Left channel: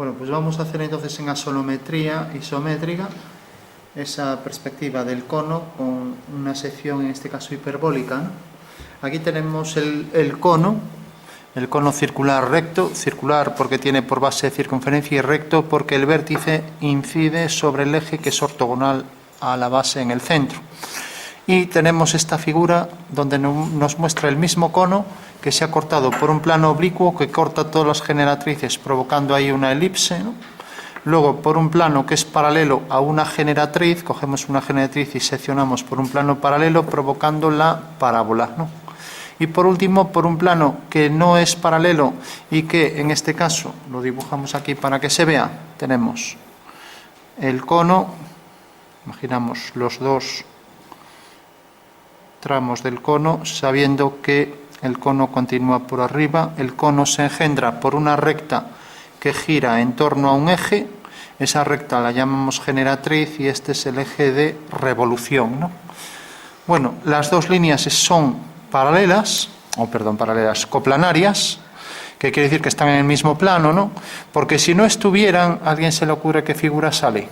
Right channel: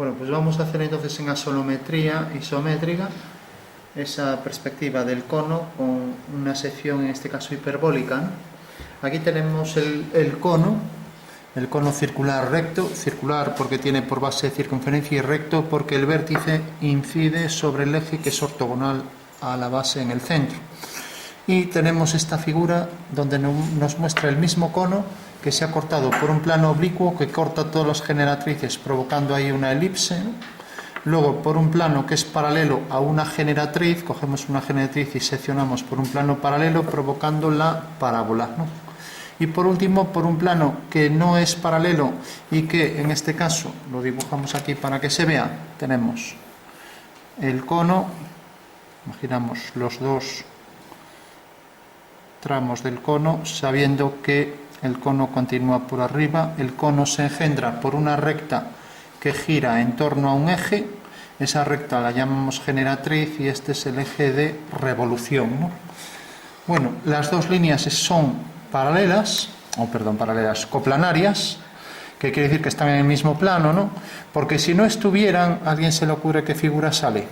Bueno, pues vamos a hacer entonces en axonometría isométrica esa perspectiva del cono con una sección, en este caso hiperbólica, ¿no? Aquí tenemos el cono circular recto, circular porque tiene por base circunferencia y recto porque el vértice incide sobre el eje que es ortogonal a la base en el centro. Y tenemos esta figura donde nos muestra el mismo cono que se ha cortado por un plano oblicuo que corta todas las generatrices provocando ahí una elipse, ¿no? Luego por un plano que es paralelo a una generatriz, cogemos una generatriz y seccionamos por un plano paralelo provocando la parábola, ¿no? Y por último por un plano que no es paralelo y que en este caso lo dibujamos aquí para que se vea, tenemos el cono, imaginamos los dos tramos del cono, sabiendo que el cono continúa por arriba, el cono se engendra por una recta que gira en torno a un eje, esa recta la llamamos generatriz y este es el eje de revolución, ¿no? Bueno, las dos líneas son coplanarias, que quiere decir que están en el mismo plano, ¿no? Porque si no estuvieran, ¿a alguien se le ocurre qué figura sale?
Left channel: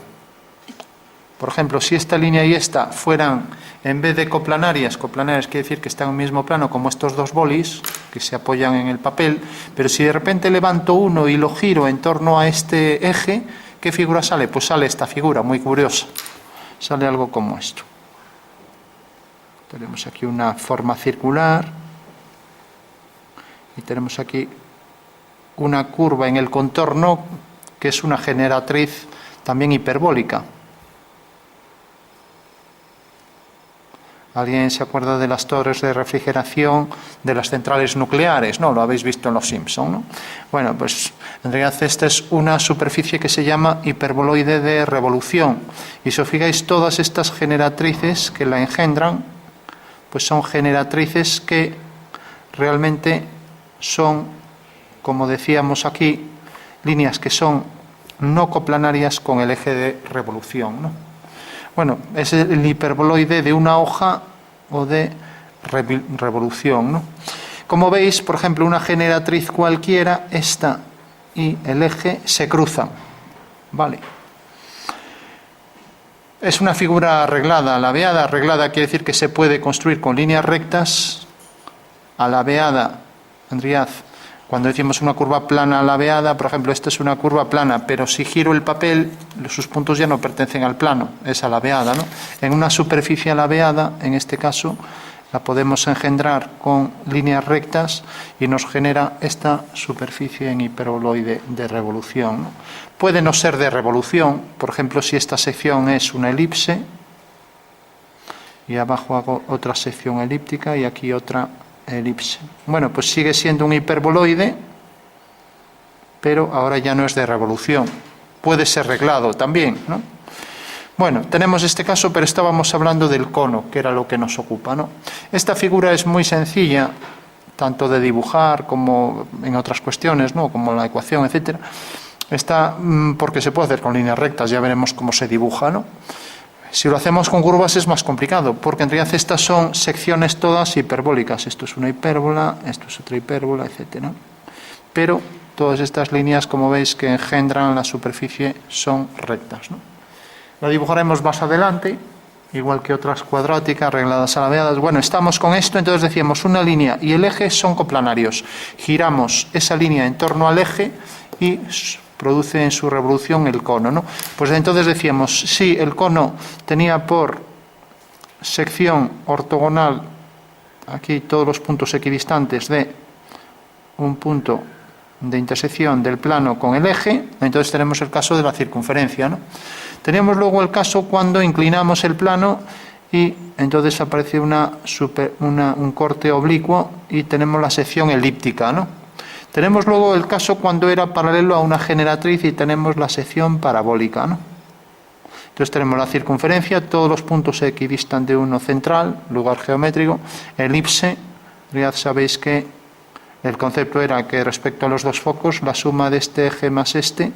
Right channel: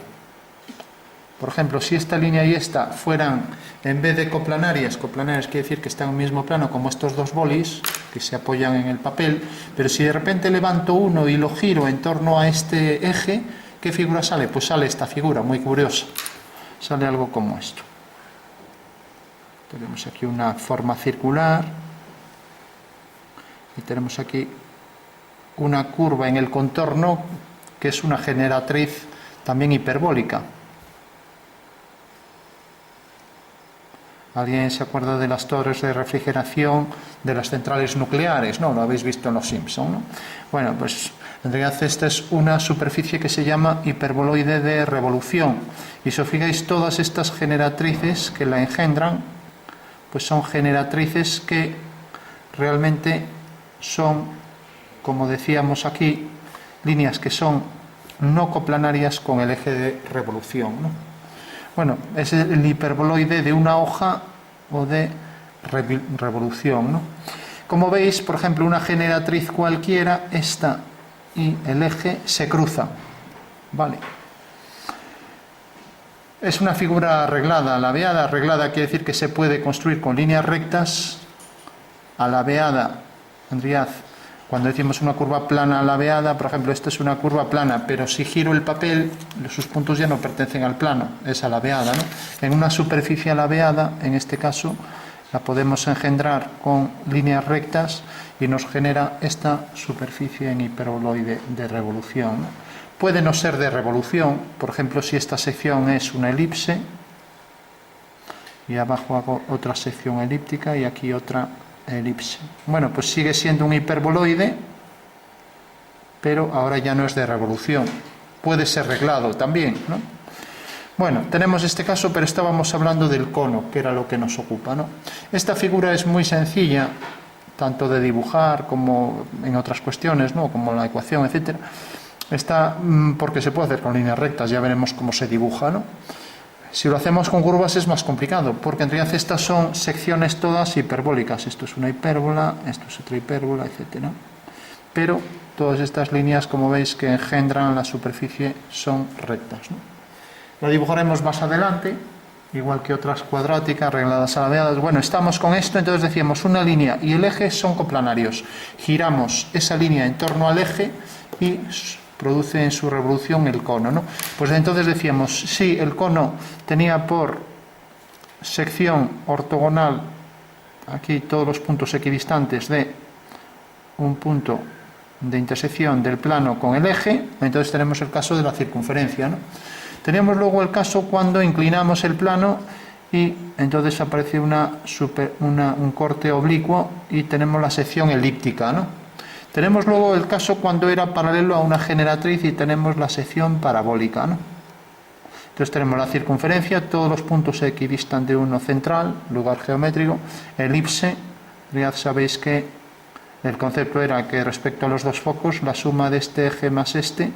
Por ejemplo, si esta línea y esta fueran, en vez de coplanarias quiere decir que están en el mismo plano como estos dos bolis, que se apoyan en el papel, pero si de repente levanto uno y lo giro en torno a este eje, ¿qué figura sale? Pues sale esta figura, muy curiosa. Sale algo como esto. Tenemos aquí una forma circular y tenemos aquí una curva en el contorno que es una generatriz también hiperbólica. ¿Alguien se acuerda de las torres de refrigeración de las centrales nucleares? No, lo habéis visto en Los Simpson, ¿no? Bueno, pues en realidad esta es una superficie que se llama hiperboloide de revolución. Y si os fijáis, todas estas generatrices que la engendran, pues son generatrices que realmente son, como decíamos aquí, líneas que son no coplanarias con el eje de revolución, ¿no? Bueno, es el hiperboloide de una hoja o de revolución, ¿no? Como veis, por ejemplo, una generatriz cualquiera, esta y el eje se cruzan, ¿vale? Es una figura arreglada. Laveada, arreglada quiere decir que se puede construir con líneas rectas. Alabeada, Andriaz, cuando decimos una curva plana alabeada, por ejemplo, esta es una curva plana, pero si giro el papel, sus puntos ya no pertenecen al plano, es alabeada, ¿no? En una superficie alabeada, en este caso, la podemos engendrar con líneas rectas y nos genera esta superficie en hiperboloide de revolución, ¿no? Puede no ser de revolución, por ejemplo, si esta sección es una elipse, y abajo hago otra sección elíptica y aquí otra elipse. Bueno, pues sigue siendo un hiperboloide, pero ahora ya no es de revolución. Puede ser reglado también, ¿no? Bueno, tenemos este caso, pero estábamos hablando del cono, que era lo que nos ocupa, ¿no? Esta figura es muy sencilla, tanto de dibujar como en otras cuestiones, ¿no? Como la ecuación, etcétera. Está porque se puede hacer con líneas rectas, ya veremos cómo se dibuja, ¿no? Si lo hacemos con curvas es más complicado, porque en realidad estas son secciones todas hiperbólicas. Esto es una hipérbola, esto es otra hipérbola, etcétera. Pero todas estas líneas, como veis, que engendran la superficie son rectas, ¿no? La dibujaremos más adelante, igual que otras cuadráticas, regladas, alabeadas. Bueno, estamos con esto, entonces decíamos una línea y el eje son coplanarios. Giramos esa línea en torno al eje y produce en su revolución el cono, ¿no? Pues entonces decíamos, si el cono tenía por sección ortogonal, aquí todos los puntos equidistantes de un punto de intersección del plano con el eje, entonces tenemos el caso de la circunferencia, ¿no? Teníamos luego el caso cuando inclinamos el plano y entonces aparece un corte oblicuo y tenemos la sección elíptica, ¿no? Tenemos luego el caso cuando era paralelo a una generatriz y tenemos la sección parabólica, ¿no? Entonces tenemos la circunferencia, todos los puntos se equidistan de uno central, lugar geométrico, elipse. Ya sabéis que el concepto era que respecto a los dos focos, la suma de este eje más este,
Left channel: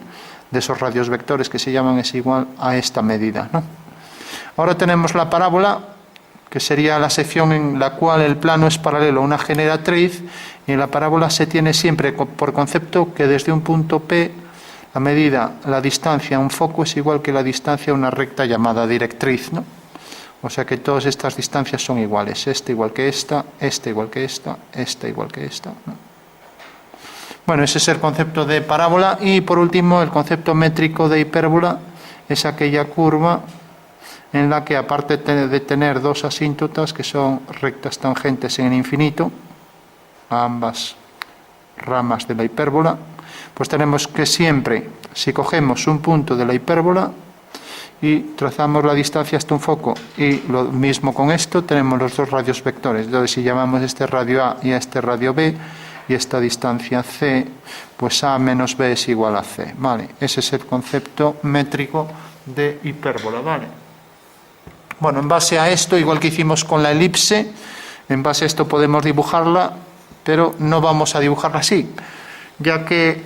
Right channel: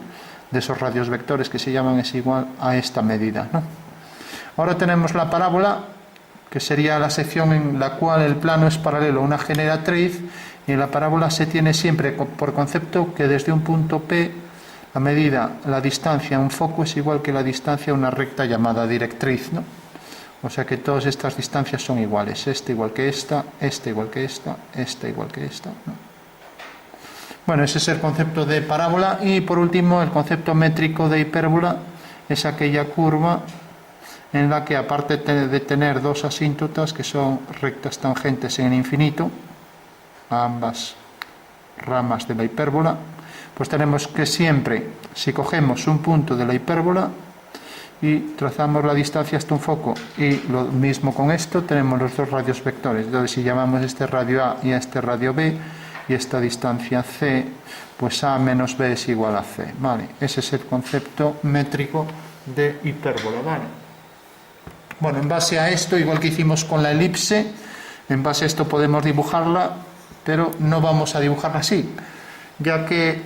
de esos radios vectores que se llaman, es igual a esta medida, ¿no? Ahora tenemos la parábola, que sería la sección en la cual el plano es paralelo a una generatriz, y en la parábola se tiene siempre por concepto que desde un punto P La medida, la distancia a un foco es igual que la distancia a una recta llamada directriz, ¿no? O sea que todas estas distancias son iguales. Esta igual que esta igual que esta igual que esta, ¿no? Bueno, ese es el concepto de parábola. Y por último, el concepto métrico de hipérbola es aquella curva en la que, aparte de tener dos asíntotas que son rectas tangentes en el infinito, a ambas ramas de la hipérbola, pues tenemos que siempre, si cogemos un punto de la hipérbola y trazamos la distancia hasta un foco, y lo mismo con esto, tenemos los dos radios vectores. Entonces, si llamamos este radio A y a este radio B, y esta distancia C, pues A menos B es igual a C, ¿vale? Ese es el concepto métrico de hipérbola, ¿vale? Bueno, en base a esto, igual que hicimos con la elipse, en base a esto podemos dibujarla, pero no vamos a dibujarla así, ya que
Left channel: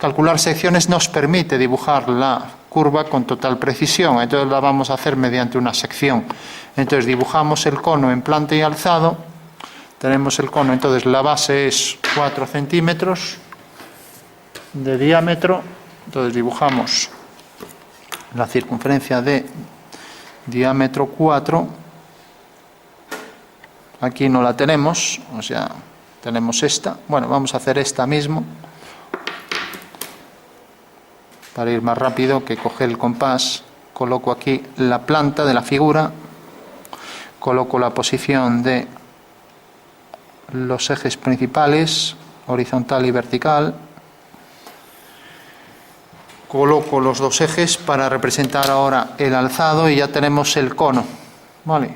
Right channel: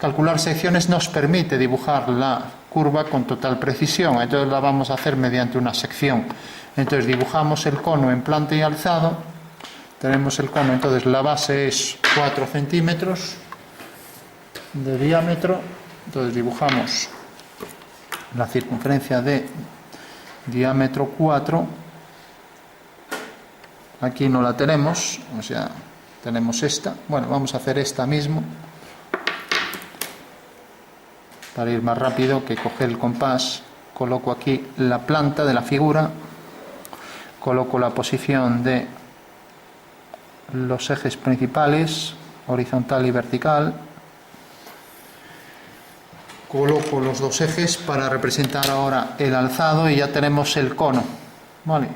calcular secciones nos permite dibujar la curva con total precisión. Entonces la vamos a hacer mediante una sección. Entonces dibujamos el cono en planta y alzado. Tenemos el cono, entonces la base es 4 centímetros de diámetro. Entonces dibujamos la circunferencia de diámetro 4. Aquí no la tenemos, o sea, tenemos esta. Bueno, vamos a hacer esta mismo, para ir más rápido, que coger el compás. Coloco aquí la planta de la figura, coloco la posición de los ejes principales, horizontal y vertical, coloco los dos ejes para representar ahora el alzado, y ya tenemos el cono, ¿vale?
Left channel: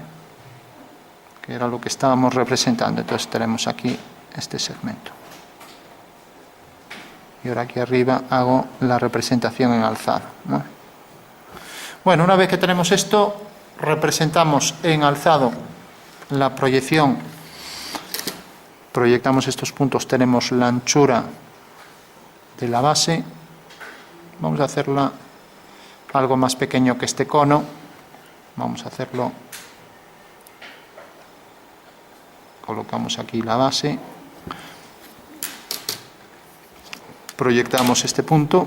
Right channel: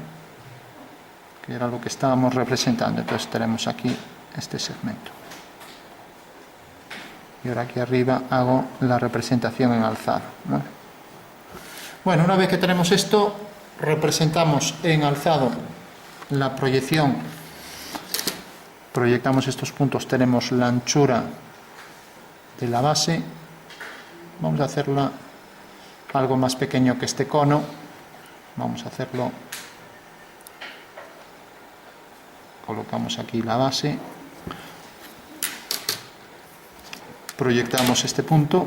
Que era lo que estábamos representando. Entonces tenemos aquí este segmento. Y ahora aquí arriba hago la representación en alzado, ¿vale? Bueno, una vez que tenemos esto, representamos en alzado la proyección. Proyectamos estos puntos, tenemos la anchura de la base. Vamos a hacerla algo más pequeño que este cono. Vamos a hacerlo. Colocamos aquí la base. Proyectamos este punto.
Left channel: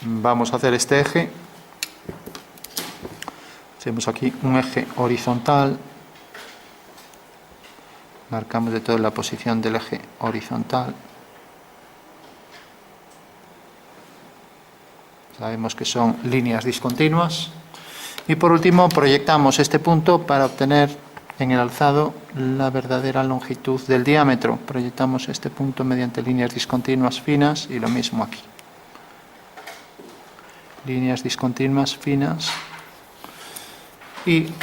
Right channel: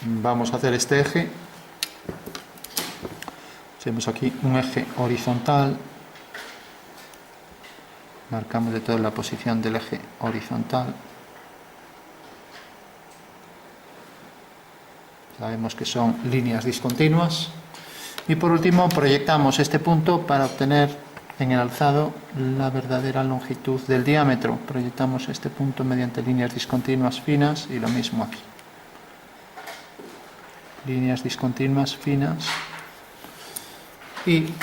Vamos a hacer este eje. Hacemos aquí un eje horizontal. Marcamos de todo la posición del eje horizontal. Sabemos que son líneas discontinuas. Y por último proyectamos este punto para obtener en el alzado la verdadera longitud del diámetro. Proyectamos este punto mediante líneas discontinuas finas, y lo mismo aquí. Líneas discontinuas finas. Y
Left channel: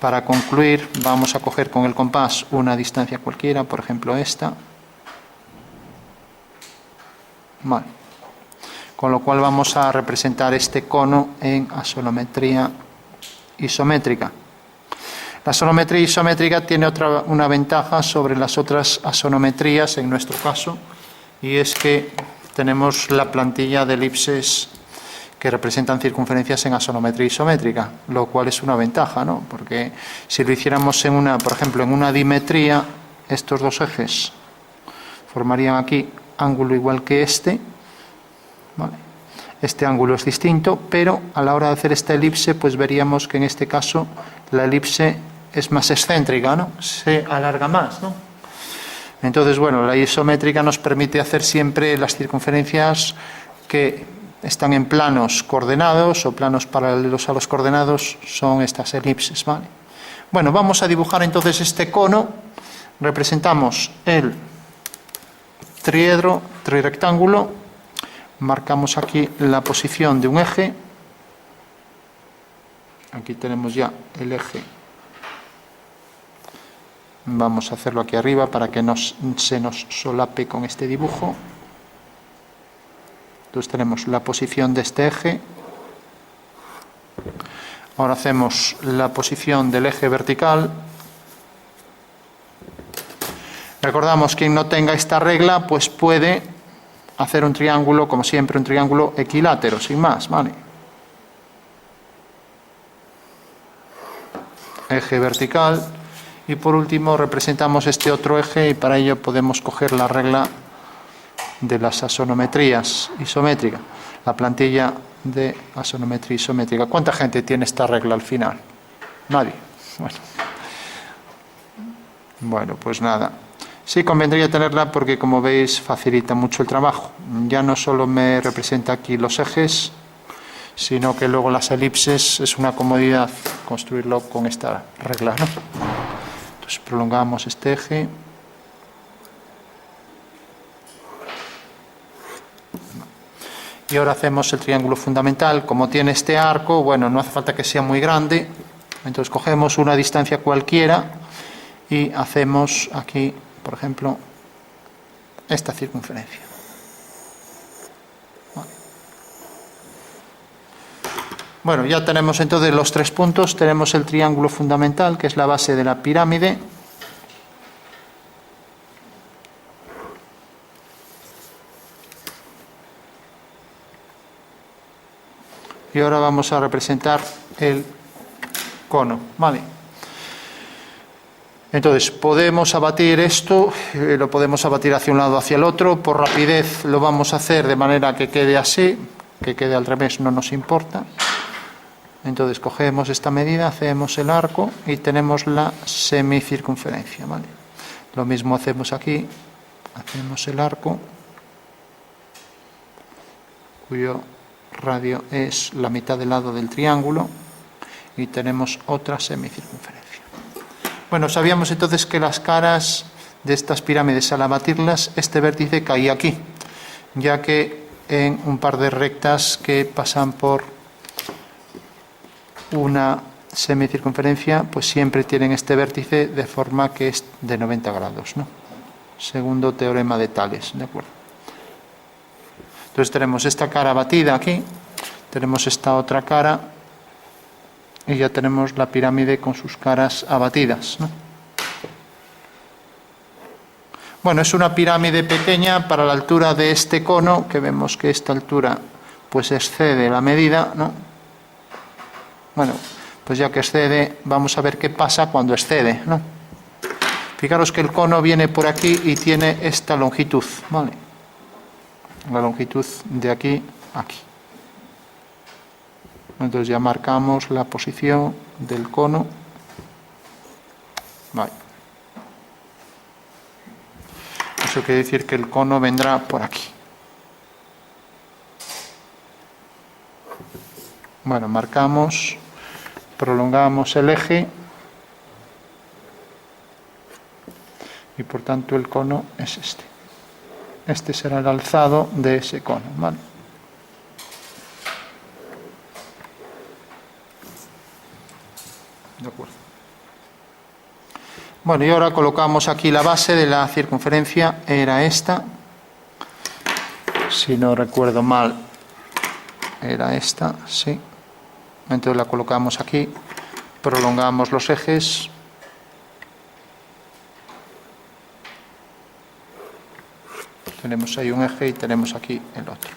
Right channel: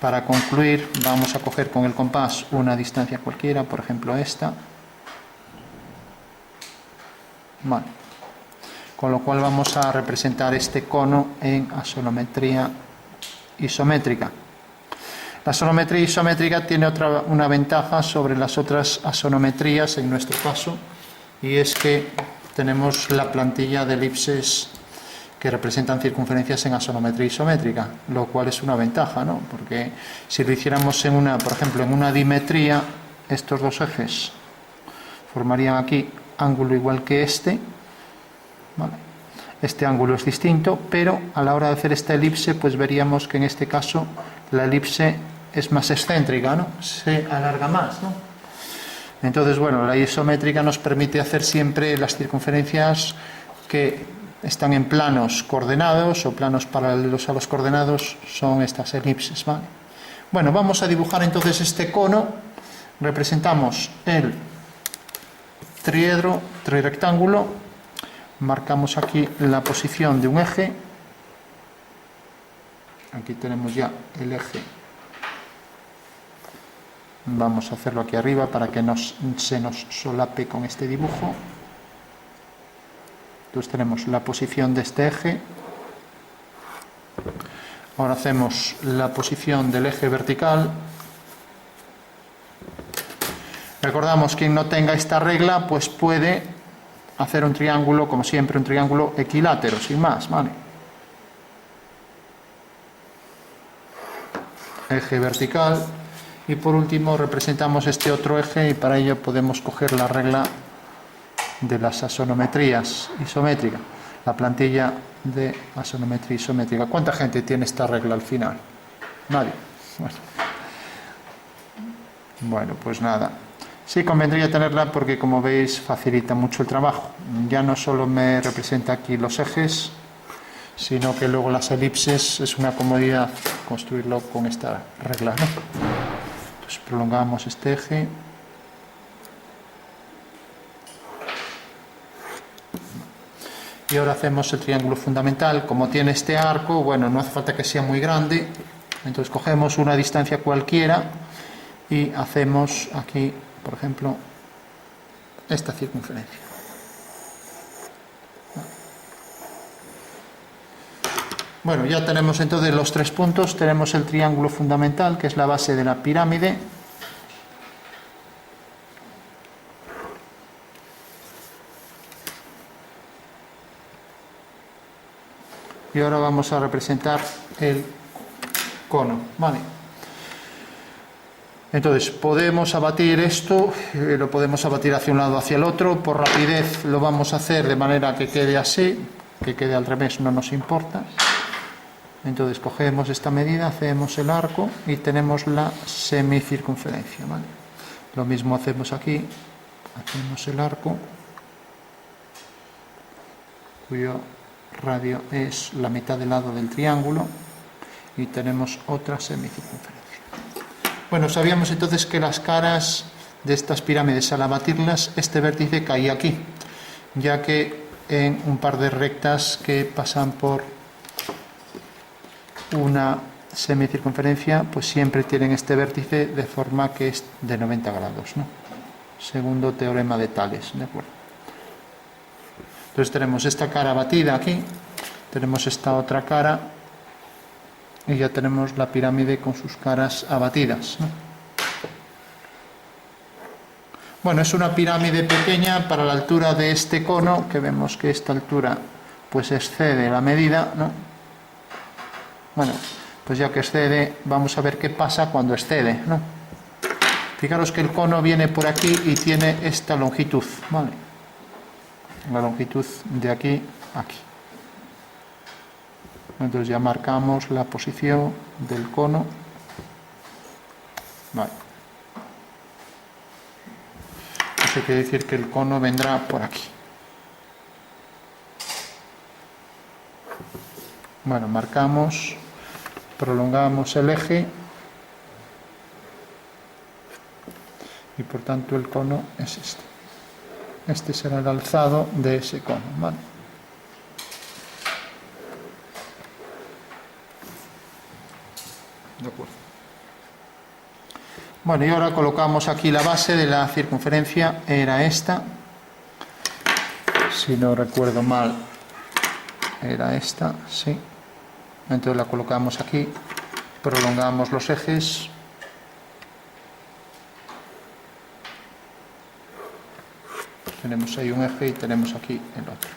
para concluir, vamos a coger con el compás una distancia cualquiera, por ejemplo esta. Vale. Con lo cual vamos a representar este cono en asonometría isométrica. La asonometría isométrica tiene una ventaja sobre las otras asonometrías en nuestro caso, y es que tenemos la plantilla de elipses que representan circunferencias en asonometría isométrica, lo cual es una ventaja, ¿no? Porque si lo hiciéramos en por ejemplo, en una dimetría, estos dos ejes formarían aquí ángulo igual que este, ¿vale? Este ángulo es distinto, pero a la hora de hacer esta elipse, pues veríamos que en este caso la elipse es más excéntrica, ¿no? Se alarga más, ¿no? Entonces, bueno, la isométrica nos permite hacer siempre las circunferencias que están en planos coordenados o planos paralelos a los coordenados, son estas elipses, ¿vale? Bueno, vamos a dibujar entonces este cono. Representamos el triedro, trirectángulo. Marcamos aquí la posición de un eje. Aquí tenemos ya el eje. Vamos a hacerlo aquí arriba para que se nos solape con este dibujo. Entonces tenemos la posición de este eje. Ahora hacemos la posición del eje vertical. Recordamos, quien no tenga esta regla, pues puede hacer un triángulo, como siempre, un triángulo equilátero, sin más, ¿vale? Eje vertical. Y por último representamos este otro eje, y para ello podemos coger la regla de las asonometrías isométricas. la plantilla de axonometría isométrica. ¿Cuánta gente tiene esta regla al final? Nadie. Bueno, pues nada. Sí convendría tenerla porque, como veis, facilita mucho el trabajo. Ya no solo me representa aquí los ejes, sino que luego las elipses es una comodidad construirlo con esta regla, ¿no? Entonces prolongamos este eje. Y ahora hacemos el triángulo fundamental. Como tiene este arco, bueno, no hace falta que sea muy grande. Entonces cogemos una distancia cualquiera y hacemos aquí, por ejemplo, esta circunferencia. Bueno, ya tenemos entonces los 3 puntos. Tenemos el triángulo fundamental, que es la base de la pirámide. Y ahora vamos a representar el cono, ¿vale? Entonces, podemos abatir esto, lo podemos abatir hacia un lado o hacia el otro. Por rapidez lo vamos a hacer de manera que quede así, que quede al revés no nos importa. Entonces, cogemos esta medida, hacemos el arco y tenemos la semicircunferencia, ¿vale? Lo mismo hacemos aquí, hacemos el arco, cuyo radio es la mitad del lado del triángulo, y tenemos otra semicircunferencia. Bueno, sabíamos entonces que las caras de estas pirámides, al abatirlas, este vértice caía aquí, ya que en un par de rectas que pasan por una semicircunferencia, pues siempre tienen este vértice de forma que es de 90 grados, ¿no? Segundo teorema de Tales, ¿de acuerdo? Entonces tenemos esta cara batida aquí, tenemos esta otra cara y ya tenemos la pirámide con sus caras abatidas, ¿no? Bueno, es una pirámide pequeña para la altura de este cono, que vemos que esta altura pues excede la medida, ¿no? Bueno, pues ya que excede, vamos a ver qué pasa cuando excede, ¿no? Fijaros que el cono viene por aquí y tiene esta longitud, ¿vale? La longitud de aquí a aquí. Entonces ya marcamos la posición del cono. Vale. Eso quiere decir que el cono vendrá por aquí. Bueno, marcamos, prolongamos el eje y por tanto el cono es este. Este será el alzado de ese cono, ¿vale? De acuerdo. Bueno, y ahora colocamos aquí la base de la circunferencia, era esta. Si no recuerdo mal, era esta, sí. Entonces la colocamos aquí, prolongamos los ejes. Tenemos ahí un eje y tenemos aquí el otro.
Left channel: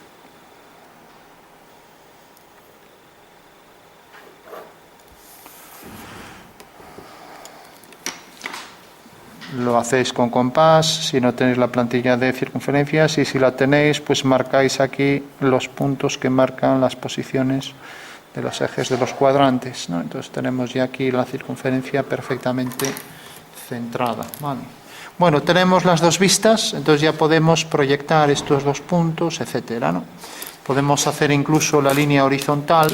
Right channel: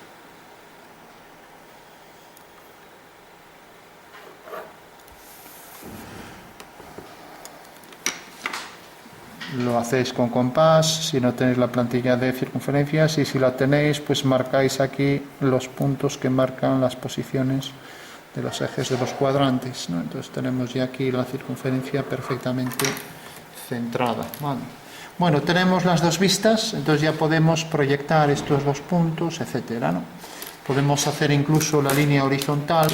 Lo hacéis con compás, si no tenéis la plantilla de circunferencias, y si la tenéis, pues marcáis aquí los puntos que marcan las posiciones de los ejes de los cuadrantes, ¿no? Entonces tenemos ya aquí la circunferencia perfectamente centrada, ¿vale? Bueno, tenemos las dos vistas, entonces ya podemos proyectar estos dos puntos, etcétera, ¿no? Podemos hacer incluso la línea horizontal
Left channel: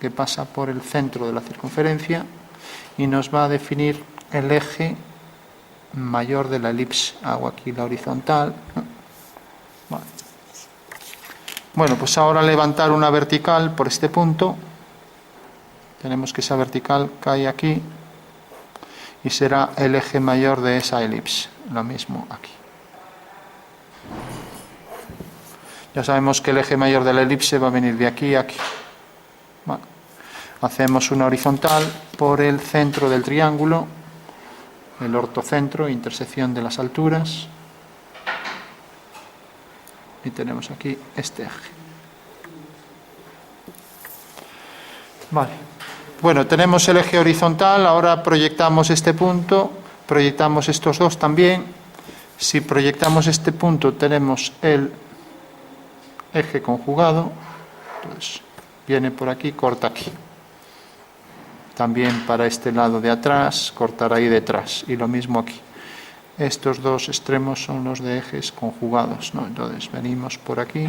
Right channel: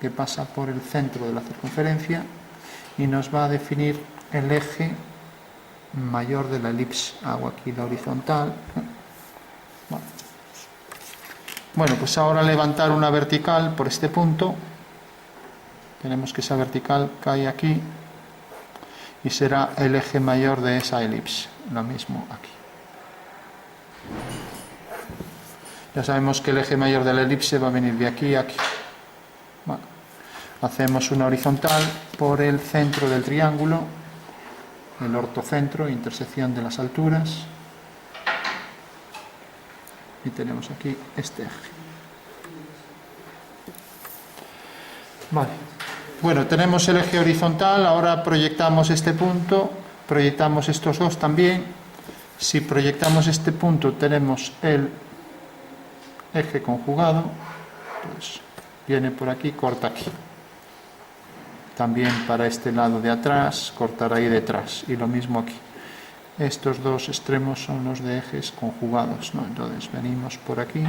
que pasa por el centro de la circunferencia y nos va a definir el eje mayor de la elipse. Hago aquí la horizontal. Vale. Bueno, pues ahora levantar una vertical por este punto. Tenemos que esa vertical cae aquí y será el eje mayor de esa elipse. Lo mismo aquí. Ya sabemos que el eje mayor de la elipse va a venir de aquí a aquí. Vale. Hacemos una horizontal por el centro del triángulo, el ortocentro, intersección de las alturas, y tenemos aquí este eje. Vale. Bueno, tenemos el eje horizontal, ahora proyectamos este punto, proyectamos estos dos también. Si proyectamos este punto, tenemos el eje conjugado, pues viene por aquí, corta aquí. También para este lado de atrás, cortará ahí detrás, y lo mismo aquí. Estos dos extremos son los de ejes conjugados, ¿no? Entonces venimos por aquí,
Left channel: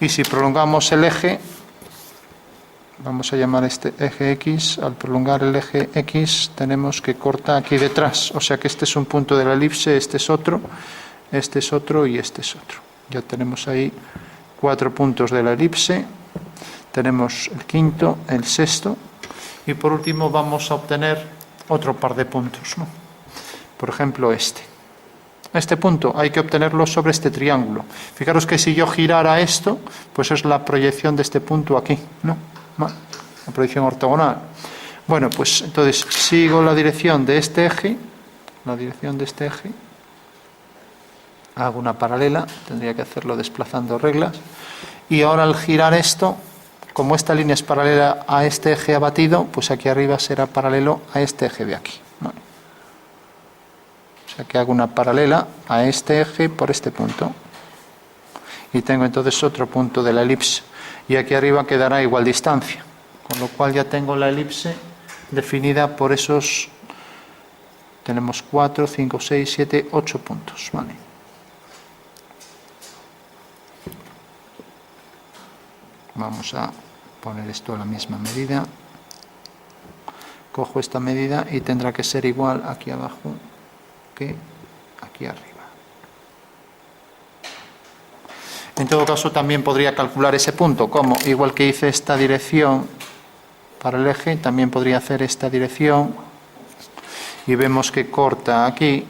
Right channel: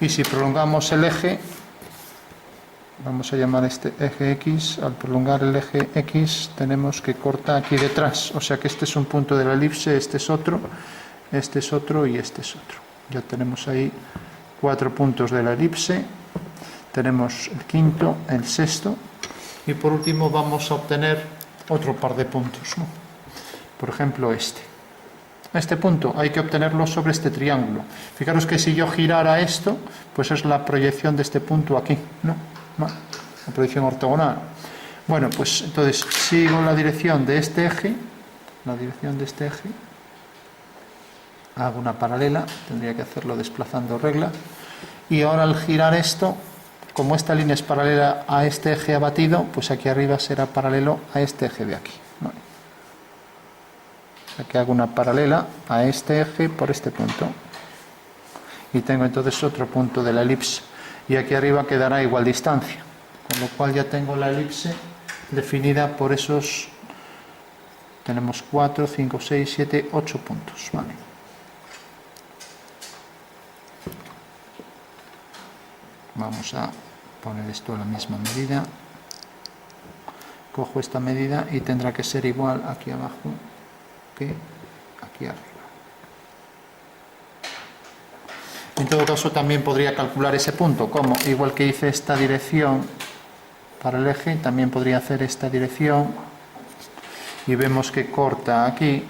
y si prolongamos el eje, vamos a llamar este eje X, al prolongar el eje X tenemos que corta aquí detrás, o sea que este es un punto de la elipse, este es otro y este es otro. Ya tenemos ahí 4 puntos de la elipse, tenemos el quinto, el sexto, y por último vamos a obtener otro par de puntos, ¿no? Por ejemplo este punto hay que obtenerlo sobre este triángulo. Fijaros que si yo girara esto, pues es la proyección de este punto aquí, ¿no? La proyección ortogonal. Bueno, pues entonces sigo la dirección de este eje, hago una paralela, tendría que hacerlo desplazando reglas, y ahora al girar esto, como esta línea es paralela a este eje abatido, pues aquí arriba será paralelo a este eje de aquí, ¿no? O sea que hago una paralela a este eje por este punto, y tengo entonces otro punto de la elipse, y aquí arriba quedará igual distancia, con lo cual ya tengo la elipse definida por esos, tenemos 4, 5, 6, 7, 8 puntos, ¿vale? Vamos a poner esto a la misma medida, cojo esta medida y tendrá que ser igual aquí abajo que aquí arriba. En todo caso también podría calcular ese punto, como igual que hice esta dirección para el eje, también podría hacer esta dirección, y vemos que corta aquí,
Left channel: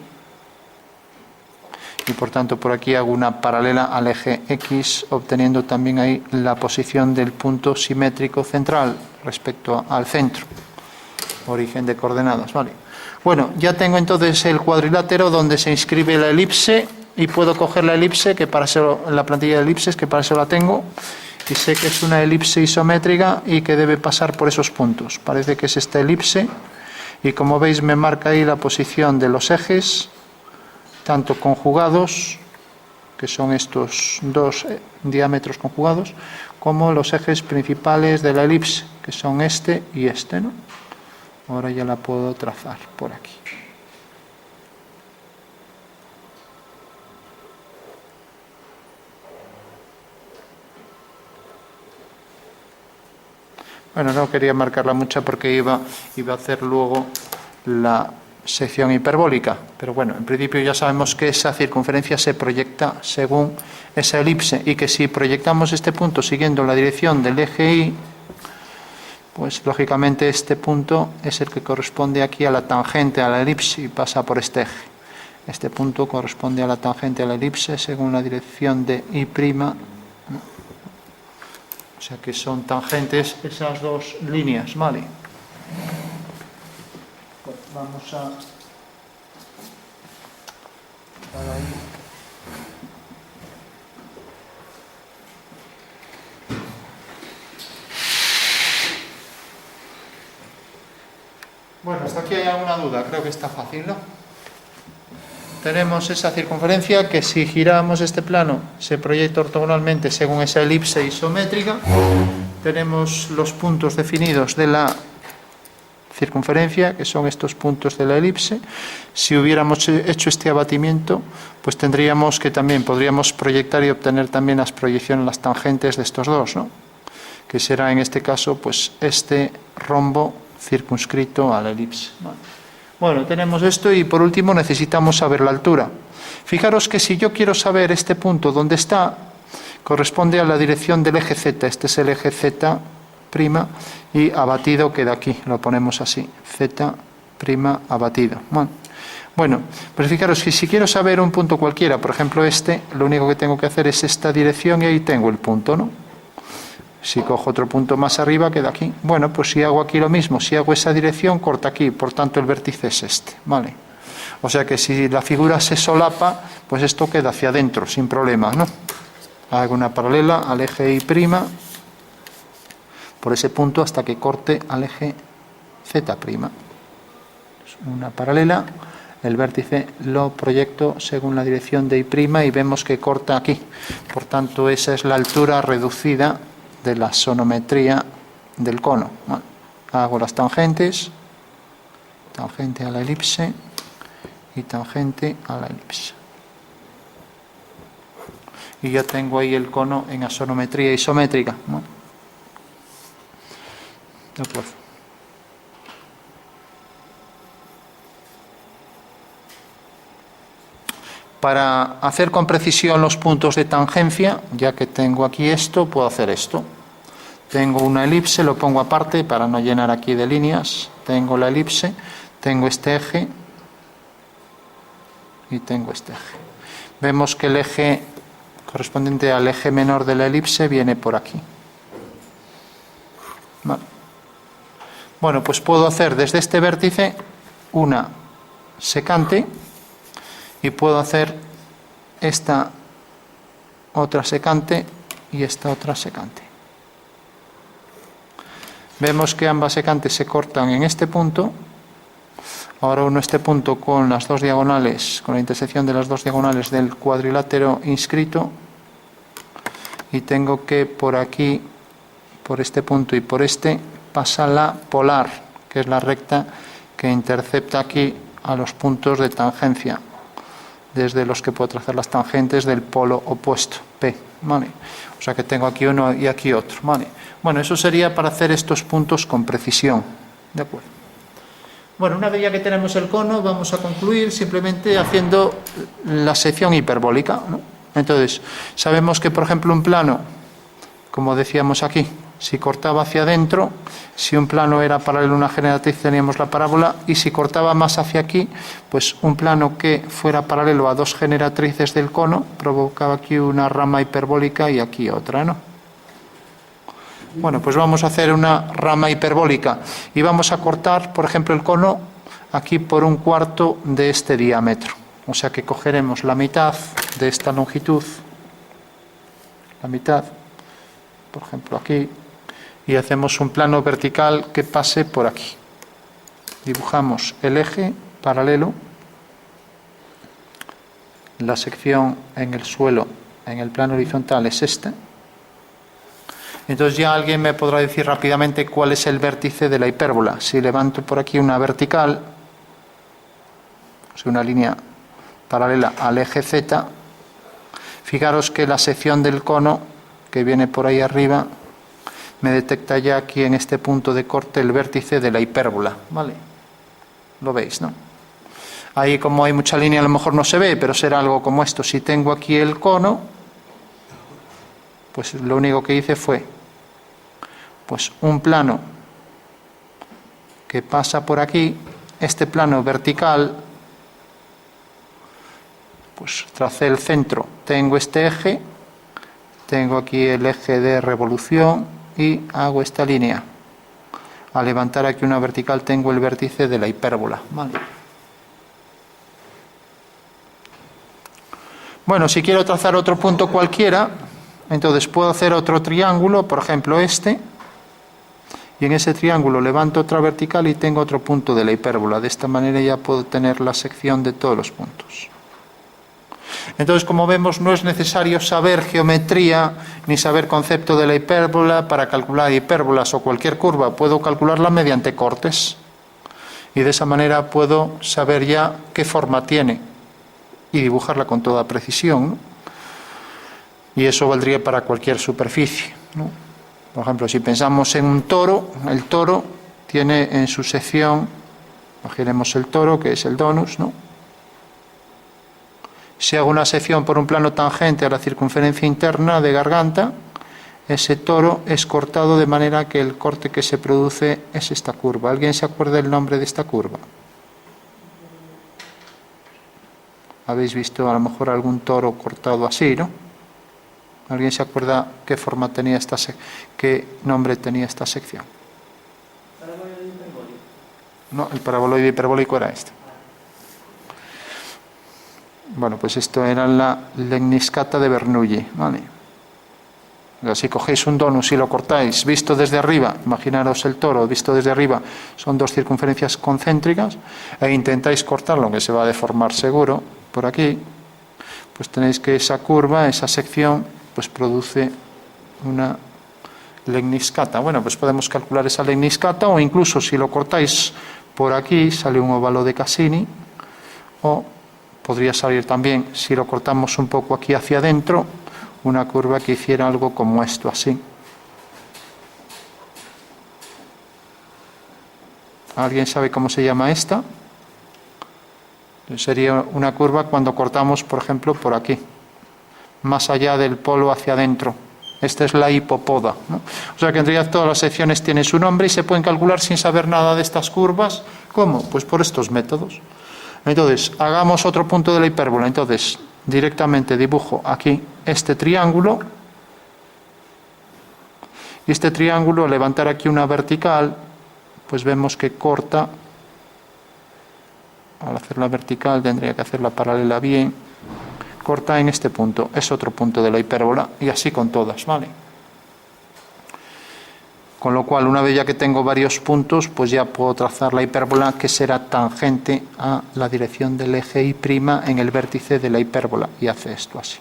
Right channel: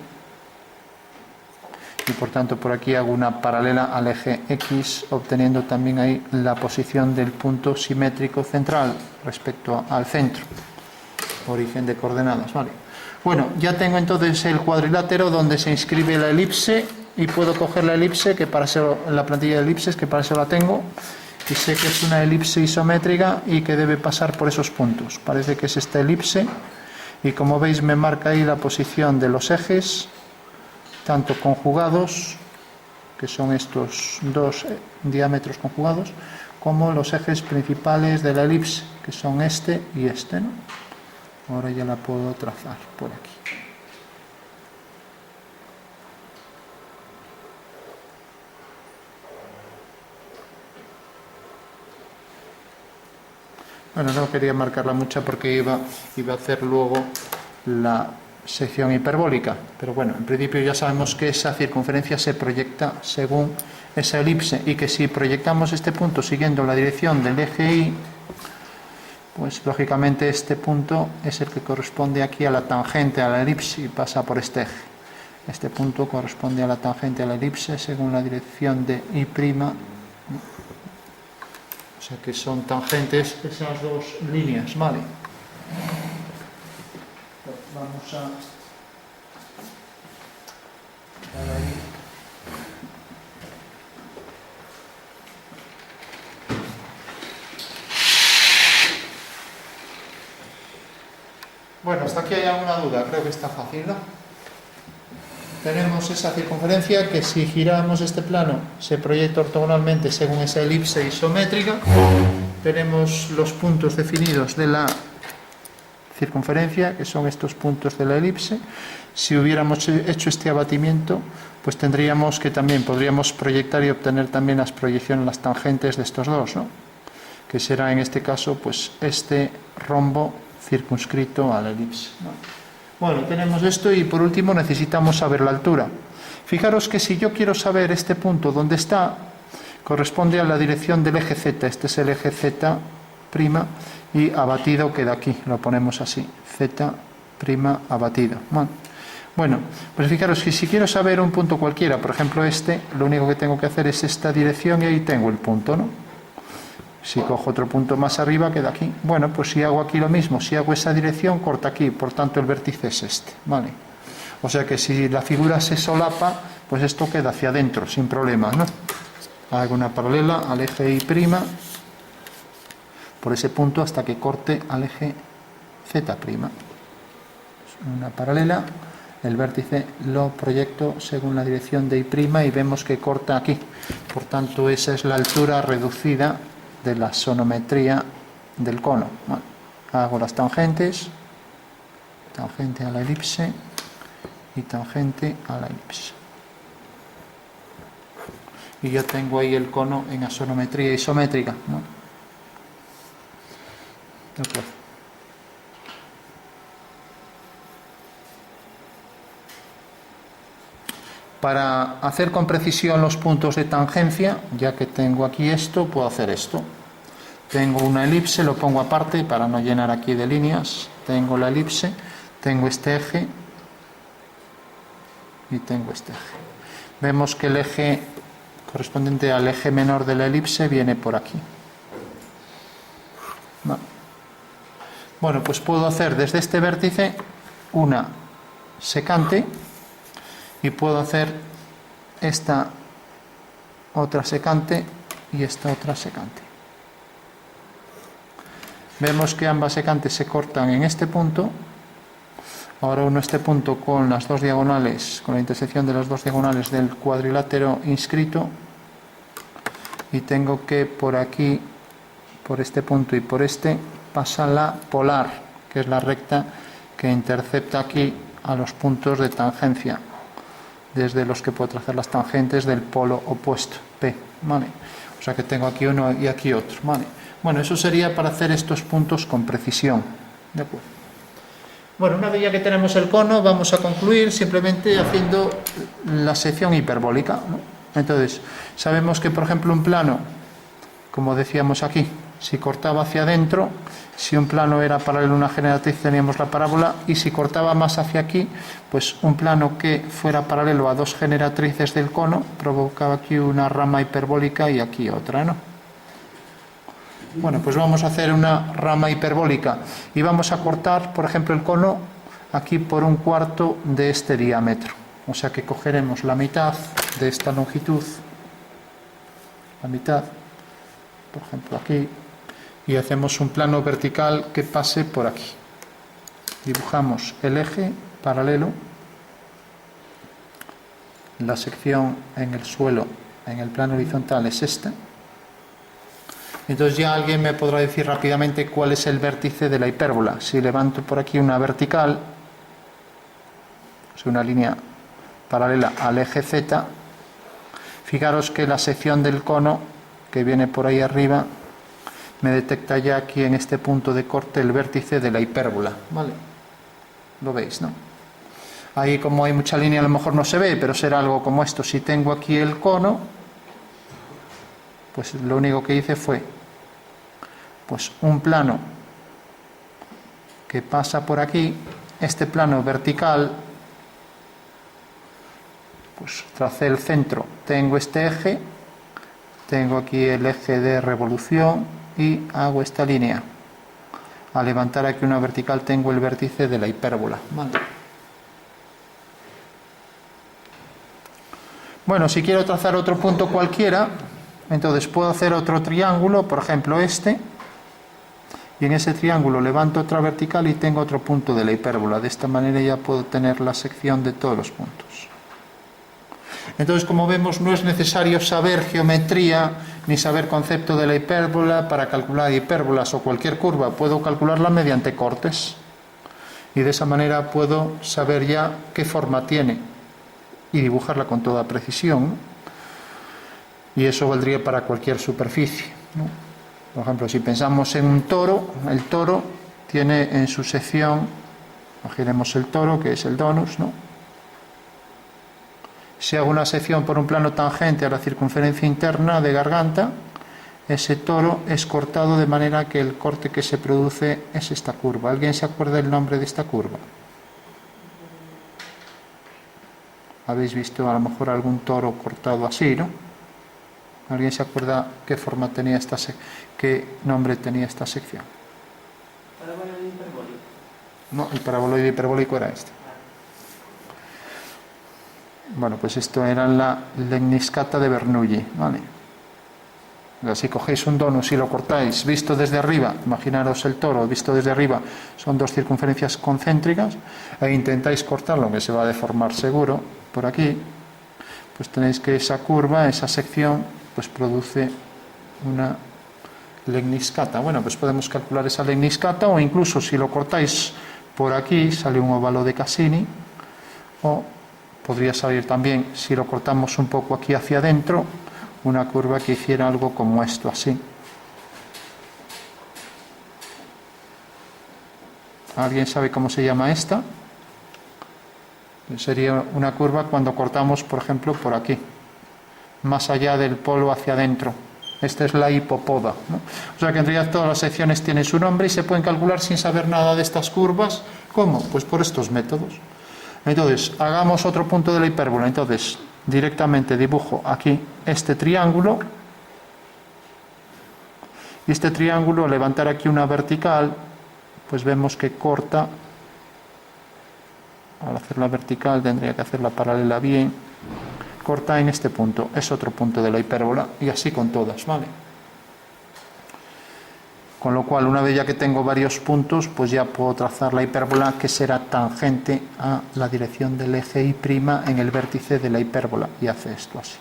y por tanto por aquí hago una paralela al eje X, obteniendo también ahí la posición del punto simétrico central respecto al centro, origen de coordenadas, ¿vale? Bueno, ya tengo entonces el cuadrilátero donde se inscribe la elipse, y puedo coger la elipse, que para eso, la plantilla de elipses, que para eso la tengo, y sé que es una elipse isométrica y que debe pasar por esos puntos. Parece que es esta elipse, y como veis me marca ahí la posición de los ejes, tanto conjugados, que son estos dos diámetros conjugados, como los ejes principales de la elipse, que son este y este, ¿no? Ahora ya la puedo trazar por aquí. Bueno, no quería marcarla mucho porque iba a hacer luego la sección hiperbólica, pero bueno, en principio ya sabemos que esa circunferencia se proyecta según esa elipse, y que si proyectamos este punto siguiendo la dirección del eje Y, pues lógicamente este punto es el que corresponde aquí a la tangente a la elipse y pasa por este eje. Este punto corresponde a la tangente a la elipse según la dirección de Y'. O sea que son tangentes esas dos líneas, ¿vale? Pues vamos a... Bueno, hasta aquí hay alguna duda, creo que está fácil, ¿no? Tenemos esa circunferencia que si giramos este plano se proyecta ortogonalmente según esa elipse isométrica. Tenemos los puntos definidos de la circunferencia, que son estos puntos de la elipse. Si hubiéramos hecho este abatimiento, pues tendríamos que también podríamos proyectar y obtener también las proyecciones, las tangentes de estos dos, ¿no? Que será en este caso pues este rombo circunscrito a la elipse, ¿no? Bueno, tenemos esto, y por último necesitamos saber la altura. Fijaros que si yo quiero saber este punto dónde está, corresponde a la dirección del eje Z. Este es el eje Z', y abatido queda aquí, lo ponemos así, Z' abatido. Bueno, pues fijaros que si quiero saber un punto cualquiera, por ejemplo este, lo único que tengo que hacer es esta dirección y ahí tengo el punto, ¿no? Si cojo otro punto más arriba, queda aquí. Bueno, pues si hago aquí lo mismo, si hago esa dirección, corta aquí, por tanto el vértice es este, ¿vale? O sea que si la figura se solapa, pues esto queda hacia adentro, sin problemas, ¿no? Hago una paralela al eje Y' por ese punto hasta que corte al eje Z'. Una paralela, el vértice lo proyecto según la dirección de I' y vemos que corta aquí. Por tanto, esa es la altura reducida de la sonometría del cono. Vale. Hago las tangentes, tangente a la elipse y tangente a la elipse. Y ya tengo ahí el cono en asonometría isométrica, ¿no? De acuerdo. Para hacer con precisión los puntos de tangencia, ya que tengo aquí esto, puedo hacer esto. Tengo una elipse, lo pongo aparte para no llenar aquí de líneas. Tengo la elipse, tengo este eje y tengo este eje. Vemos que el eje correspondiente al eje menor de la elipse viene por aquí. Vale. Bueno, pues puedo hacer desde este vértice una secante y puedo hacer esta otra secante y esta otra secante. Vemos que ambas secantes se cortan en este punto. Ahora uno este punto con las dos diagonales, con la intersección de las dos diagonales del cuadrilátero inscrito, y tengo que por aquí, por este punto y por este, pasa la polar, que es la recta que intercepta aquí a los puntos de tangencia, desde los que puedo trazar las tangentes del polo opuesto, P, ¿vale? O sea que tengo aquí uno y aquí otro, ¿vale? Bueno, eso sería para hacer estos puntos con precisión, ¿de acuerdo? Bueno, una vez ya que tenemos el cono, vamos a concluir simplemente haciendo la sección hiperbólica, ¿no? Entonces, sabemos que, por ejemplo, un plano, como decíamos aquí, si cortaba hacia adentro, si un plano era paralelo a una generatriz teníamos la parábola, y si cortaba más hacia aquí, pues un plano que fuera paralelo a dos generatrices del cono provocaba aquí una rama hiperbólica y aquí otra, ¿no? Bueno, pues vamos a hacer una rama hiperbólica y vamos a cortar, por ejemplo, el cono aquí por 1/4 de este diámetro. O sea que cogeremos la mitad de esta longitud, la mitad, por ejemplo aquí, y hacemos un plano vertical que pase por aquí. Dibujamos el eje paralelo, la sección en el suelo, en el plano horizontal es esta. Entonces ya alguien me podrá decir rápidamente cuál es el vértice de la hipérbola. Si levanto por aquí una vertical, o sea, una línea paralela al eje Z, fijaros que la sección del cono que viene por ahí arriba me detecta ya aquí en este punto de corte el vértice de la hipérbola, ¿vale? Lo veis, ¿no? Ahí, como hay mucha línea, a lo mejor no se ve, pero será algo como esto. Si tengo aquí el cono, pues lo único que hice fue pues un plano que pasa por aquí, este plano vertical, pues tracé el centro, tengo este eje, tengo aquí el eje de revolución y hago esta línea. Al levantar aquí una vertical tengo el vértice de la hipérbola, ¿vale? Bueno, si quiero trazar otro punto cualquiera, entonces puedo hacer otro triángulo, por ejemplo este, y en ese triángulo levanto otra vertical y tengo otro punto de la hipérbola. De esta manera ya puedo tener la sección de todos los puntos. Entonces, como vemos, no es necesario saber geometría ni saber concepto de la hipérbola para calcular hipérbolas o cualquier curva. Puedo calcularla mediante cortes y de esa manera puedo saber ya qué forma tiene y dibujarla con toda precisión, ¿no? Y eso valdría para cualquier superficie, ¿no? Por ejemplo, si pensamos en un toro, el toro tiene en su sección, imaginemos el toro, que es el donus, ¿no? Si hago una sección por un plano tangente a la circunferencia interna de garganta, ese toro es cortado de manera que el corte que se produce es esta curva. ¿Alguien se acuerda del nombre de esta curva? ¿Habéis visto a lo mejor algún toro cortado así, no? ¿Alguien se acuerda qué forma tenía qué nombre tenía esta sección? Paraboloide hiperbólico. No, el paraboloide hiperbólico era este. Bueno, pues esto era la lemniscata de Bernoulli, ¿vale? Si cogéis un donus y lo cortáis visto desde arriba, imaginaros el toro visto desde arriba, son dos circunferencias concéntricas, e intentáis cortarlo, que se va a deformar seguro, por aquí, pues tenéis que esa curva, esa sección, pues produce una lemniscata. Bueno, pues podemos calcular esa lemniscata, o incluso si lo cortáis por aquí, sale un óvalo de Cassini, o podría salir también, si lo cortamos un poco aquí hacia adentro, una curva que hiciera algo como esto, así. ¿Alguien sabe cómo se llama esta? Sería una curva cuando cortamos, por ejemplo, por aquí, más allá del polo hacia adentro. Esta es la hipopoda, ¿no? O sea que en realidad todas las secciones tienen su nombre y se pueden calcular sin saber nada de estas curvas. ¿Cómo? Pues por estos métodos. Entonces, hagamos otro punto de la hipérbola. Entonces, directamente dibujo aquí este triángulo. Y este triángulo, al levantar aquí una vertical, pues vemos que corta. Al hacerla vertical tendría que hacerla paralela bien. Corta en este punto, es otro punto de la hipérbola, y así con todas, ¿vale? Con lo cual, una vez ya que tengo varios puntos, pues ya puedo trazar la hipérbola que será tangente a la dirección del eje Y' en el vértice de la hipérbola, y hace esto así.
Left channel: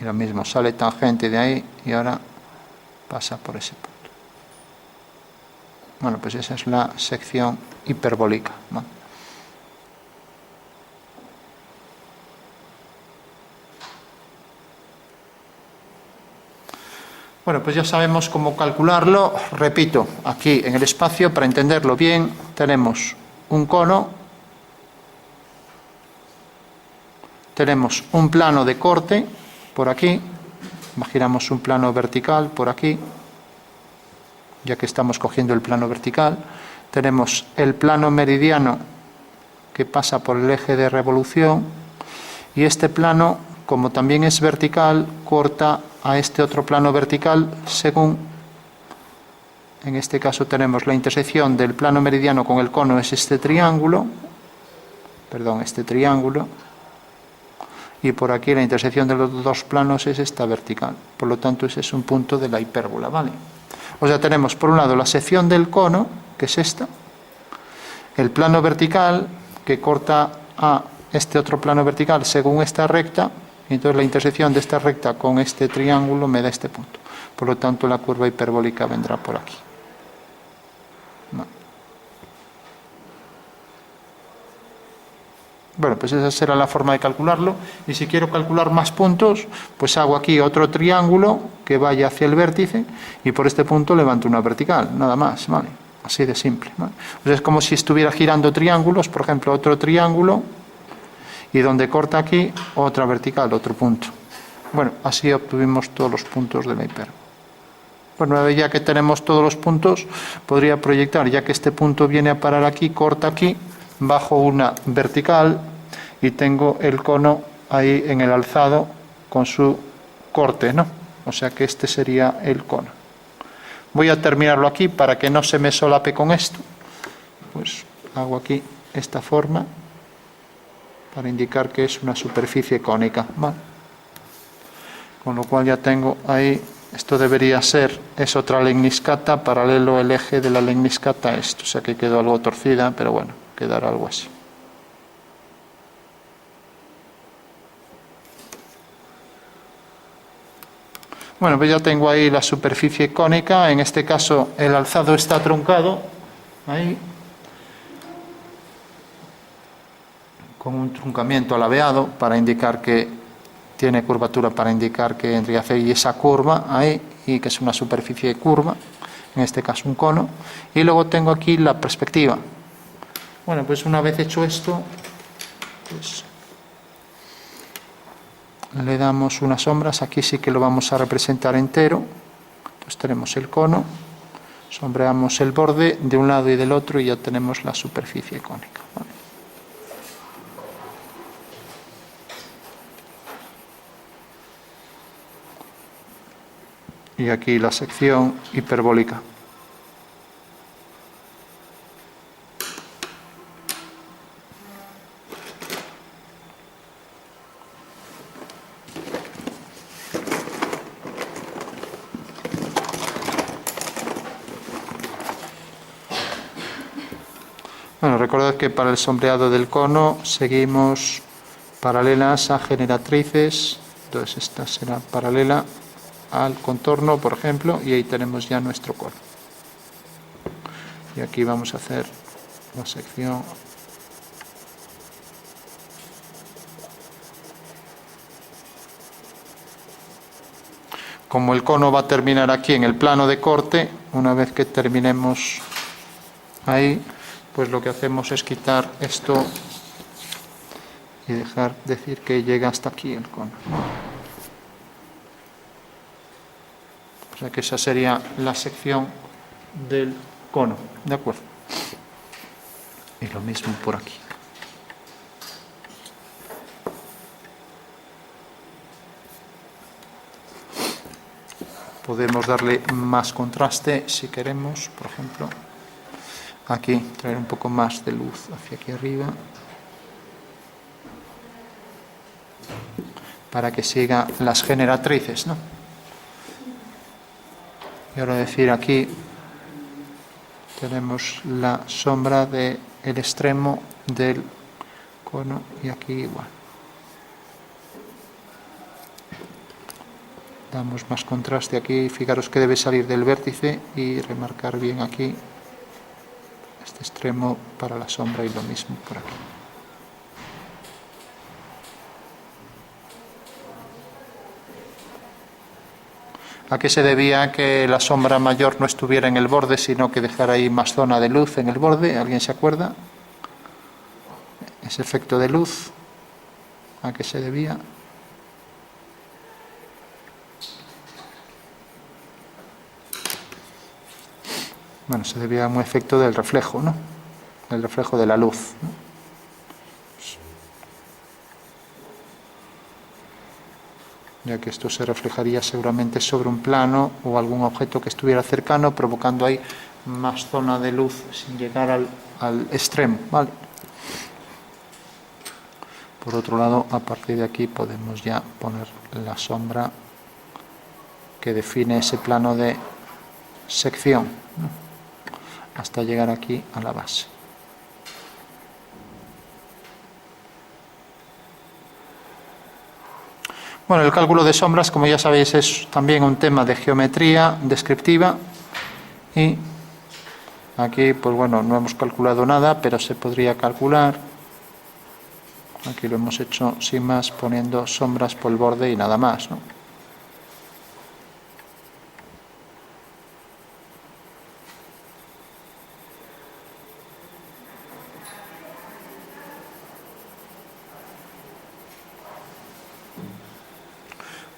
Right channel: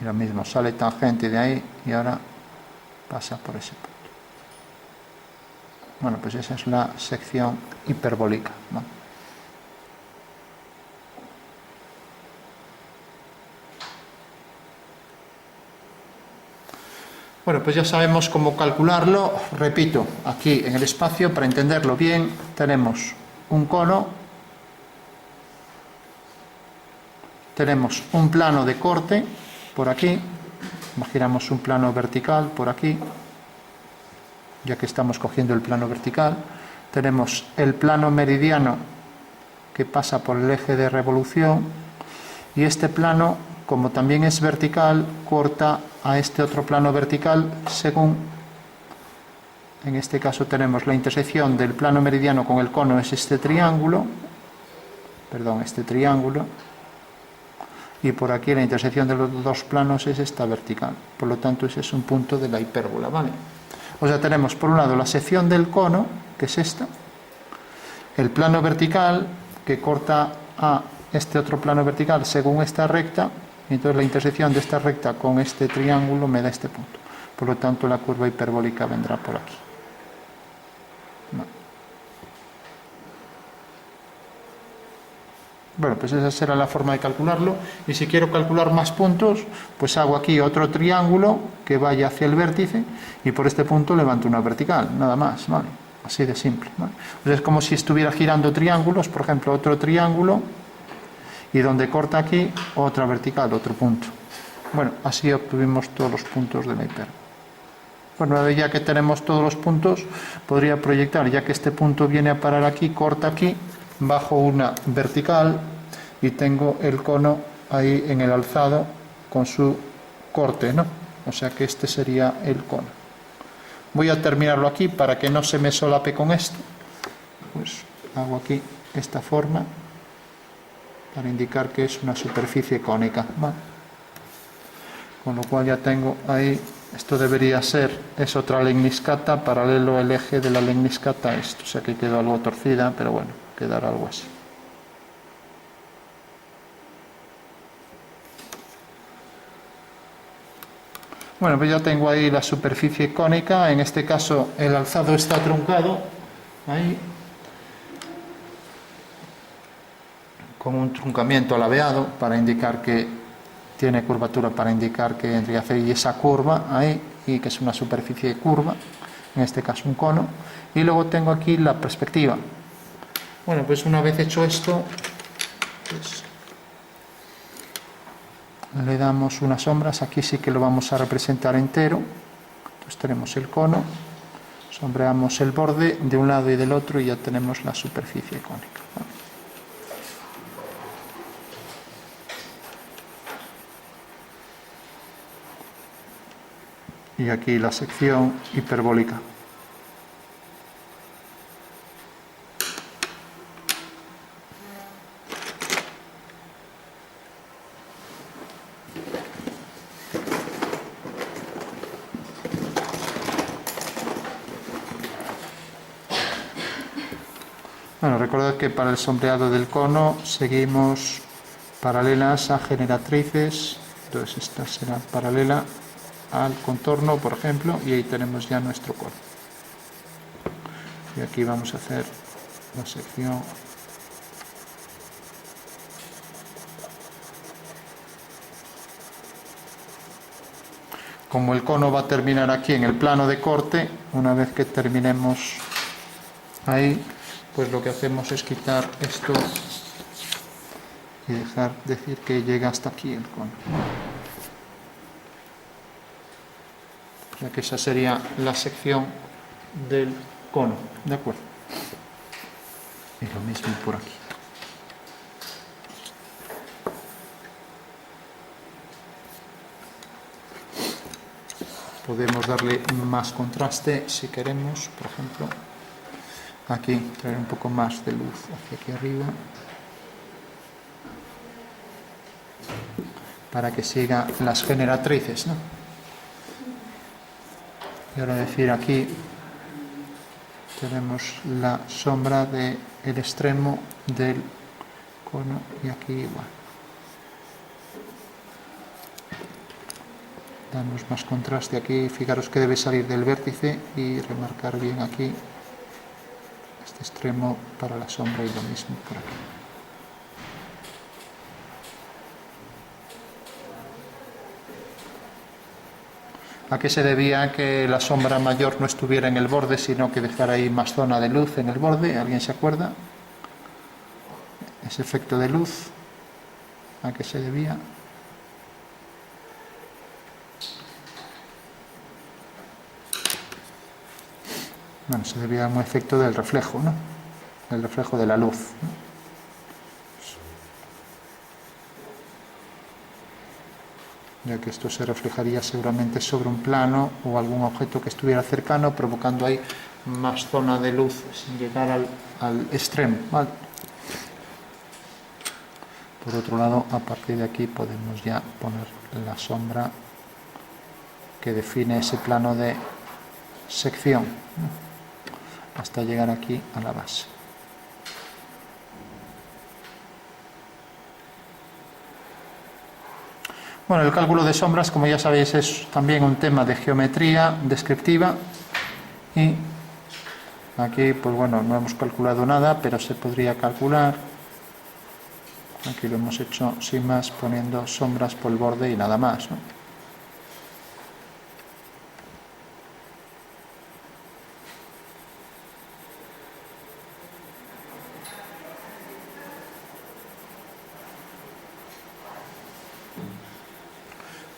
Y lo mismo, sale tangente de ahí y ahora pasa por ese punto. Bueno, pues esa es la sección hiperbólica, ¿no? Bueno, pues ya sabemos cómo calcularlo. Repito, aquí en el espacio, para entenderlo bien, tenemos un cono, tenemos un plano de corte por aquí, imaginamos un plano vertical por aquí, ya que estamos cogiendo el plano vertical, tenemos el plano meridiano que pasa por el eje de revolución, y este plano, como también es vertical, corta a este otro plano vertical según, en este caso tenemos la intersección del plano meridiano con el cono, es este triángulo, y por aquí la intersección de los dos planos es esta vertical, por lo tanto ese es un punto de la hipérbola, ¿vale? O sea, tenemos por un lado la sección del cono, que es esta, el plano vertical que corta a este otro plano vertical según esta recta, y entonces la intersección de esta recta con este triángulo me da este punto. Por lo tanto, la curva hiperbólica vendrá por aquí. Bueno, pues esa será la forma de calcularlo. Y si quiero calcular más puntos, pues hago aquí otro triángulo que vaya hacia el vértice y por este punto levanto una vertical, nada más, ¿vale? Así de simple, ¿vale? Pues es como si estuviera girando triángulos, por ejemplo, otro triángulo, y donde corta aquí, otra vertical, otro punto. Bueno, así obtuvimos todos los puntos de la hipérbola. Bueno, ya que tenemos todos los puntos, podría proyectar, ya que este punto viene a parar aquí, corta aquí, bajo una vertical y tengo el cono ahí en el alzado con su corte, ¿no? O sea que este sería el cono. Voy a terminarlo aquí para que no se me solape con esto. Pues hago aquí esta forma para indicar que es una superficie cónica, ¿vale? Con lo cual ya tengo ahí, esto debería ser, es otra lemniscata, paralelo el eje de la lemniscata a esto, o sea que quedó algo torcida, pero bueno, quedará algo así. Bueno, pues ya tengo ahí la superficie cónica, en este caso el alzado está truncado, ahí, con un truncamiento alabeado para indicar que tiene curvatura, para indicar que en realidad hay esa curva ahí, y que es una superficie curva, en este caso un cono, y luego tengo aquí la perspectiva. Bueno, pues una vez hecho esto, pues le damos unas sombras, aquí sí que lo vamos a representar entero, entonces tenemos el cono, sombreamos el borde de un lado y del otro y ya tenemos la superficie cónica, ¿vale? Y aquí la sección hiperbólica. recordad que para el sombreado del cono seguimos paralelas a generatrices, entonces esta será paralela al contorno, por ejemplo, y ahí tenemos ya nuestro cono. Y aquí vamos a hacer la sección. Como el cono va a terminar aquí en el plano de corte, una vez que terminemos ahí, pues lo que hacemos es quitar esto y dejar decir que llega hasta aquí el cono. O sea que esa sería la sección del cono, ¿de acuerdo? Y lo mismo por aquí. Podemos darle más contraste si queremos, por ejemplo, aquí traer un poco más de luz hacia aquí arriba para que siga las generatrices, ¿no? Y ahora decir aquí tenemos la sombra del extremo del cono y aquí igual. Damos más contraste aquí, fijaros que debe salir del vértice y remarcar bien aquí este extremo para la sombra y lo mismo por aquí. ¿A qué se debía que la sombra mayor no estuviera en el borde, sino que dejara ahí más zona de luz en el borde? ¿Alguien se acuerda? Ese efecto de luz, ¿a qué se debía? Bueno, se debía a un efecto del reflejo, ¿no? El reflejo de la luz, ¿no? Ya que esto se reflejaría seguramente sobre un plano o algún objeto que estuviera cercano, provocando ahí más zona de luz sin llegar al extremo, ¿vale? Por otro lado, a partir de aquí podemos ya poner la sombra que define ese plano de sección, ¿no? Hasta llegar aquí a la base. Bueno, el cálculo de sombras, como ya sabéis, es también un tema de geometría descriptiva y aquí, pues bueno, no hemos calculado nada, pero se podría calcular. Aquí lo hemos hecho sin más, poniendo sombras por el borde y nada más, ¿no?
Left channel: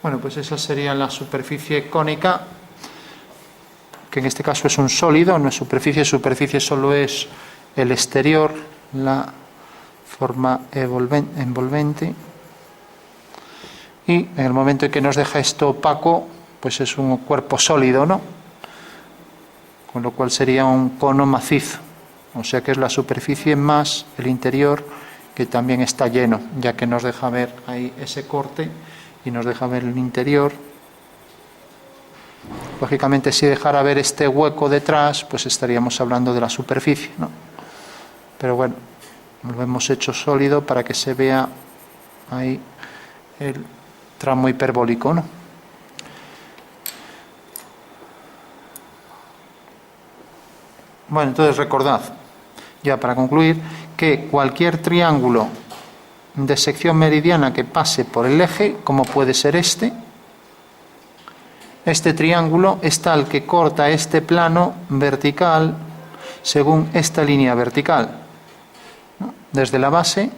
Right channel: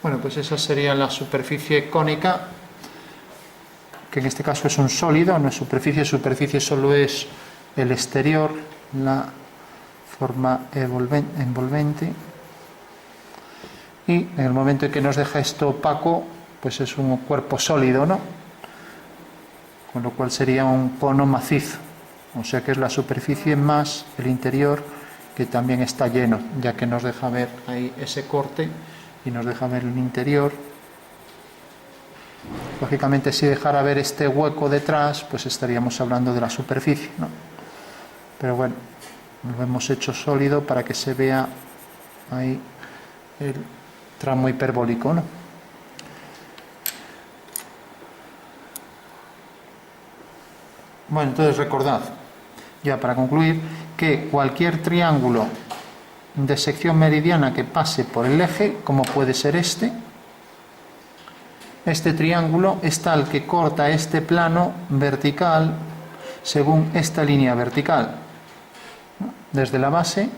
Bueno, pues esa sería la superficie cónica, que en este caso es un sólido, no es superficie. Superficie solo es el exterior, la forma envolvente. Y en el momento en que nos deja esto opaco, pues es un cuerpo sólido, ¿no? Con lo cual sería un cono macizo. O sea que es la superficie más el interior, que también está lleno, ya que nos deja ver ahí ese corte y nos deja ver el interior. Lógicamente, si dejara ver este hueco detrás, pues estaríamos hablando de la superficie, ¿no? Pero bueno, lo hemos hecho sólido para que se vea ahí el tramo hiperbólico, ¿no? Bueno, entonces recordad, ya para concluir, que cualquier triángulo de sección meridiana que pase por el eje, como puede ser este triángulo es tal que corta este plano vertical según esta línea vertical, ¿no? Desde la base,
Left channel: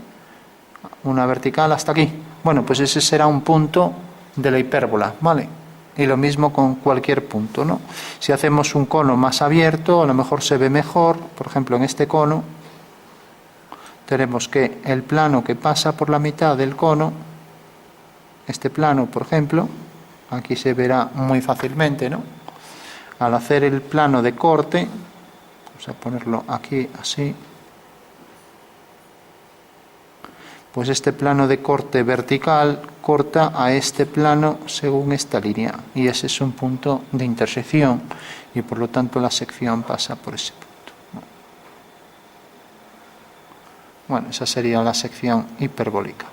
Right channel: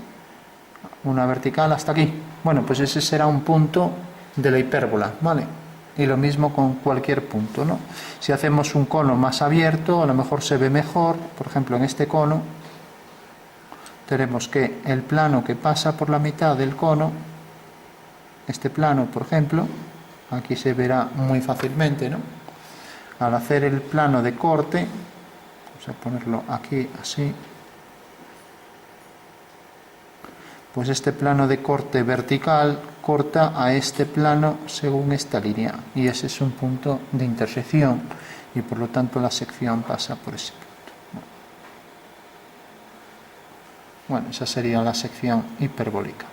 una vertical hasta aquí. Bueno, pues ese será un punto de la hipérbola, ¿vale? Y lo mismo con cualquier punto, ¿no? Si hacemos un cono más abierto, a lo mejor se ve mejor. Por ejemplo, en este cono tenemos que el plano que pasa por la mitad del cono, este plano, por ejemplo, aquí se verá muy fácilmente, ¿no? Al hacer el plano de corte, vamos a ponerlo aquí así, pues este plano de corte vertical corta a este plano según esta línea, y ese es un punto de intersección, y por lo tanto la sección pasa por ese punto, ¿no? Bueno, esa sería la sección hiperbólica.